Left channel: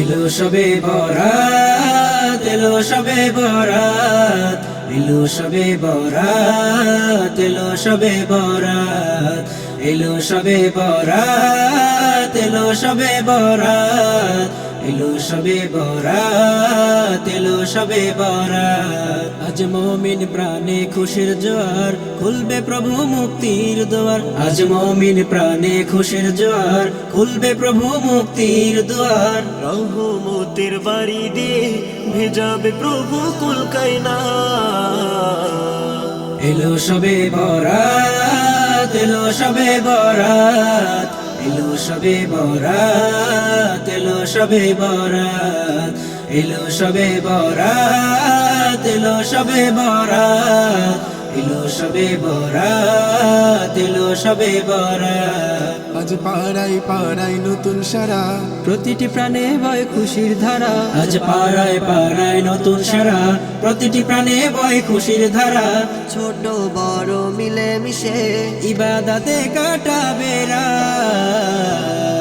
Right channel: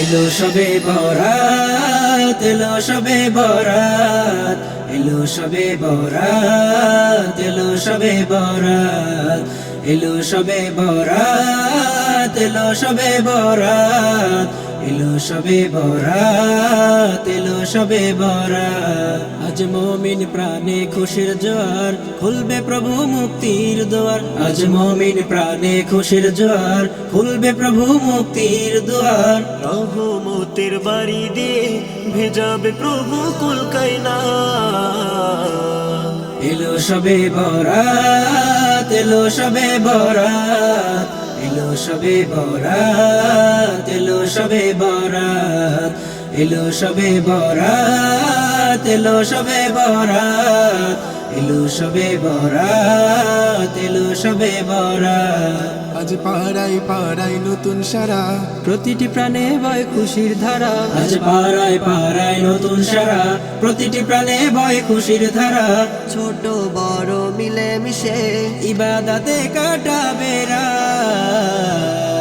এলো সবে বরাত, এলো সবে বরাত, এলো সবে বরাত, এলো সবে বরাত, এলো সবে বরাত, এলো সবে বরাত, এলো সবে বরাত, এলো সবে বরাত। আজ মুমিন প্রাণে খুশির জোয়ার, খুলবে প্রভু মুক্তির দুয়ার। আজ মুমিন প্রাণে খুশির জোয়ার, খুলবে প্রভু মুক্তির দুয়ার। রহমতের বাড়ি দিয়ে ভেজাবে প্রভু কুল কায়না। এলো সবে বরাত, এলো সবে বরাত, এলো সবে বরাত, এলো সবে বরাত, এলো সবে বরাত, এলো সবে বরাত, এলো সবে বরাত, এলো সবে বরাত। আজ পাড়ায় পাড়ায় নতুন সারা, প্রতিটি প্রাণে বয় খুশির ধারা। আজ পাড়ায় পাড়ায় নতুন সারা, প্রতিটি প্রাণে বয় খুশির ধারা। ছোট বড় মিলে মিশে ইবাদতে কাটাবে রাত।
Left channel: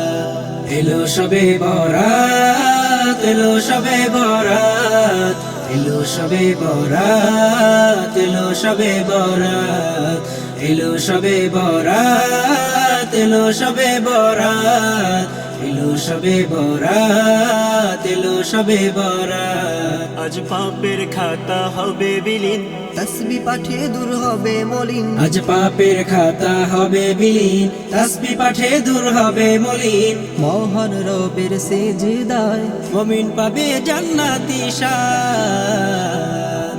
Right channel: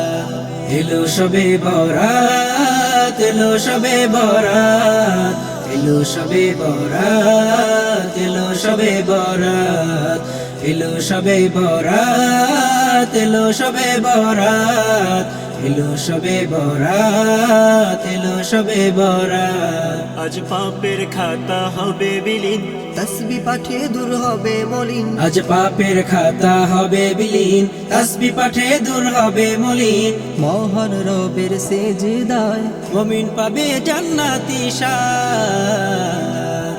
এলো সবে বরাত, এলো সবে বরাত, এলো সবে বরাত, এলো সবে বরাত, এলো সবে বরাত, এলো সবে বরাত, এলো সবে বরাত, এলো সবে বরাত। আজ পাপের খাতা হবে বিলীন, তসবি পাঠে দূর হবে মলিন। আজ পাপের খাতা হবে বিলীন, তাসবিহ পাঠে দূর হবে মলিন। মহান রবের সেজদায় মুমিন পাবে জান্নাতি শান।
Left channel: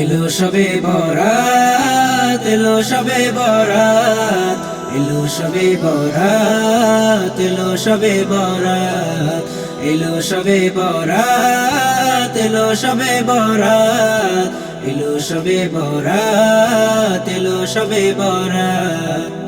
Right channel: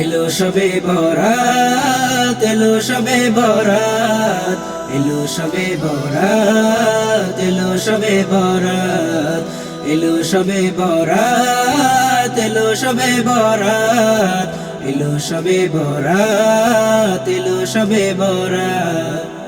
এলো সবে বরাত, এলো সবে বরাত, এলো সবে বরাত, এলো সবে বরাত, এলো সবে বরাত, এলো সবে বরাত, এলো সবে বরাত, এলো সবে বরাত।